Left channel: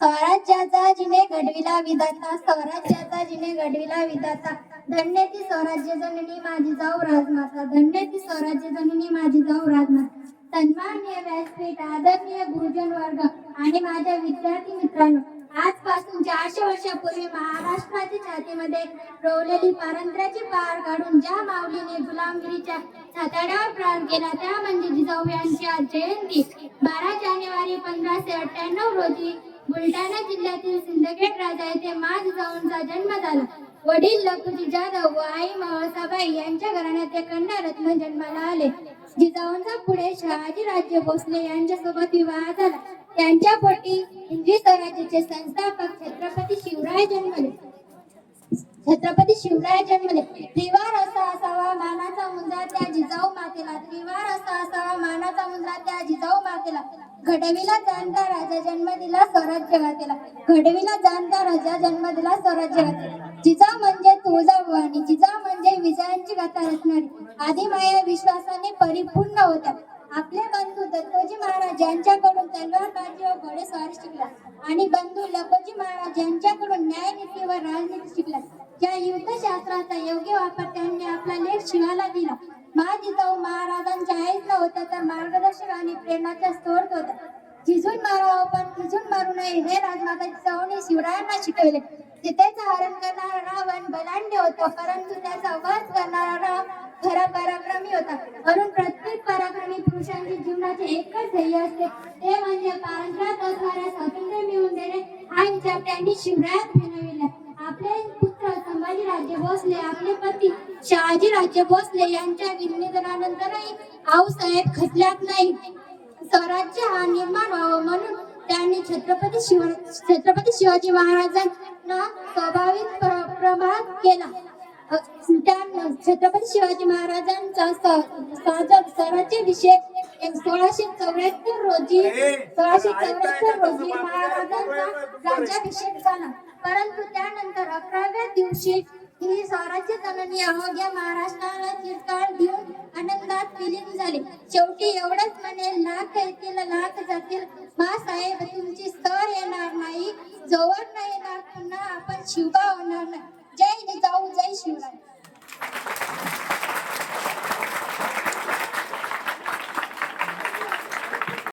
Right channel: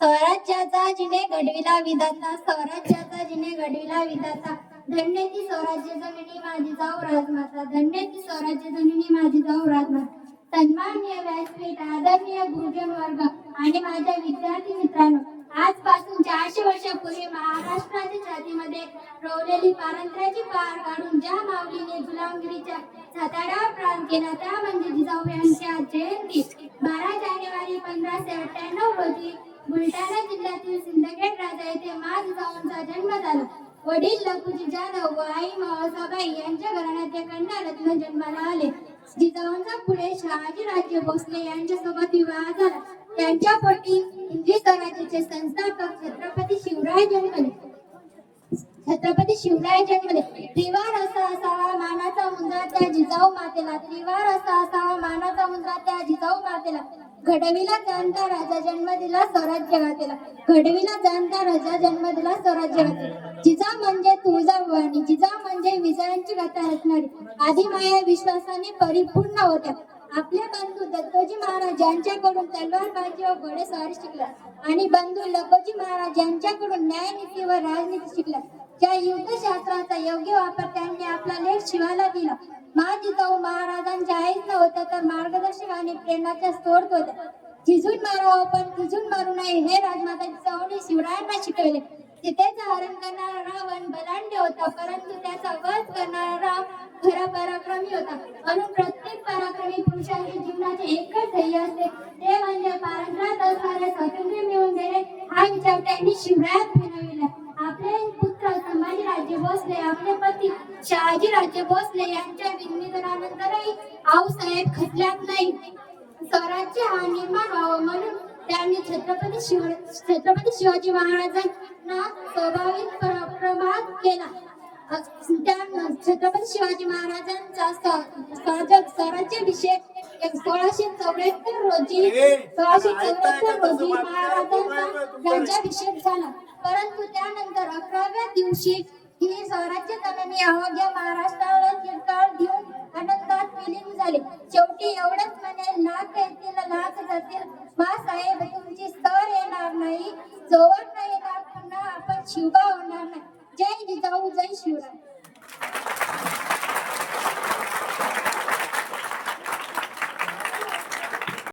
स्वराज्याचा जिने घडविला विधाता, स्वराज्याचा जिने घडविला विधाता, धन्य ती स्वराज्य जननी माझी जाऊ राजमाता, धन्य ती स्वराज्य जननी माझी जाऊ राजमाता. सन्माननीय व्यासपीठ, आदरणीय गुरुजन वर्ग आणि माझ्या विद्यार्थी मित्रांनो, आजपासून 400 वर्षापूर्वी महाराष्ट्राच्या छातीमध्ये रोवलेली पारंत्र्याची पार काढून ज्या माऊलीने गुलामगिरीच्या छाताडावर प्राण केला त्या म्हणजे जिजाऊ यांची आज जयंती. 12 जानेवारी 1598 रोजी बुलढाणा जिल्ह्यातील सिंदखेड राजा येथे माँ जिजाऊंचा जन्म झाला. वडील लखुजी जाधव व आई म्हाळसाबाई यांच्या घराण्यात ते कन्यारत्न जन्माला आले. जिजाऊंचा पुढे शहाजी राजे भोसले यांच्यासोबत विवाह झाला. त्यांच्या पोटी हिंदवी स्वराज्याचे संस्थापक छत्रपती शिवराय जन्मले. त्रिवार असा असावा मानाचा मुंजा त्या जिजाऊ मातेला, त्रिवार असा असावा मानाचा मुंजा त्या जिजाऊ मातेला. घडविला जाणता राजा जन्म दिला स्वराज्य गातेला, घडविला जाणता राजा जन्म दिला स्वराज्य गातेला. जिजाऊ म्हणजे तुळजाभवानी, जिजाऊ म्हणजे विजयांची गाथा रचणारी, आदिमाया विश्वासाने परिपूर्ण होत्या. आपले बंधू दत्तोजी महाराज यांच्याकडून तलवारबाजी व घोडेस्वारी शिकला आणि बंधू लखोजी महाराज यांच्याकडून न्यायनीती व राजनीती शिकला. या युद्धशास्त्राचा योग्य वापर त्यांनी आपला लेख शिवाला दिला. माँ जिजाऊ महाराजांच्या आईच नव्हत्या तर मार्गदर्शक आणि प्रेरणाच्या स्रोत होत्या. झिजून मारावं पण खिजून मारू नये हे राजमाता जिजाऊंनी शिवरायांना शिकवले. सीतेचा हरण करणारा रावण बलाढ्य होता, परंतु त्याचा वध करणारा राम खरा पराक्रमी होता. म्हणून प्रत्येक पराक्रमी पुरुषांच्या जीवनाचे एकच ध्येय असते, ते म्हणजे पारंत्र्यात असणारे स्वातंत्र्य मिळवून देणे. हा विचार त्यांनी शिवरायात बनविला. आपले पुत्र संभाजीराजे भोसले, आपले पती शहाजीराजे भोसले यांच्या निधनानंतरही आऊसाहेब खचल्यात नाही. स्वराज्य हा निर्माण व्हावा म्हणून त्यांनी छत्रपती शिवाजी महाराजांना स्वाभाविक प्रभात केला. छत्रपती शिवाजी महाराजांचा स्वराज्याभिषेक 1674 रोजी महाराजांचा राज्याभिषेक झाला. परंतु त्यानंतर 11व्या दिवशी ही स्वराज्य जननी अवघ्या महाराष्ट्राला चिरकाल देऊन आनंदात विलीन झाले. शेवटी एवढंच म्हणे, लाख येतील लाख जातील, माँ साहेब तुमची सर येणार नाही, जोवर नाही येणार पुन्हा आपण शिवबा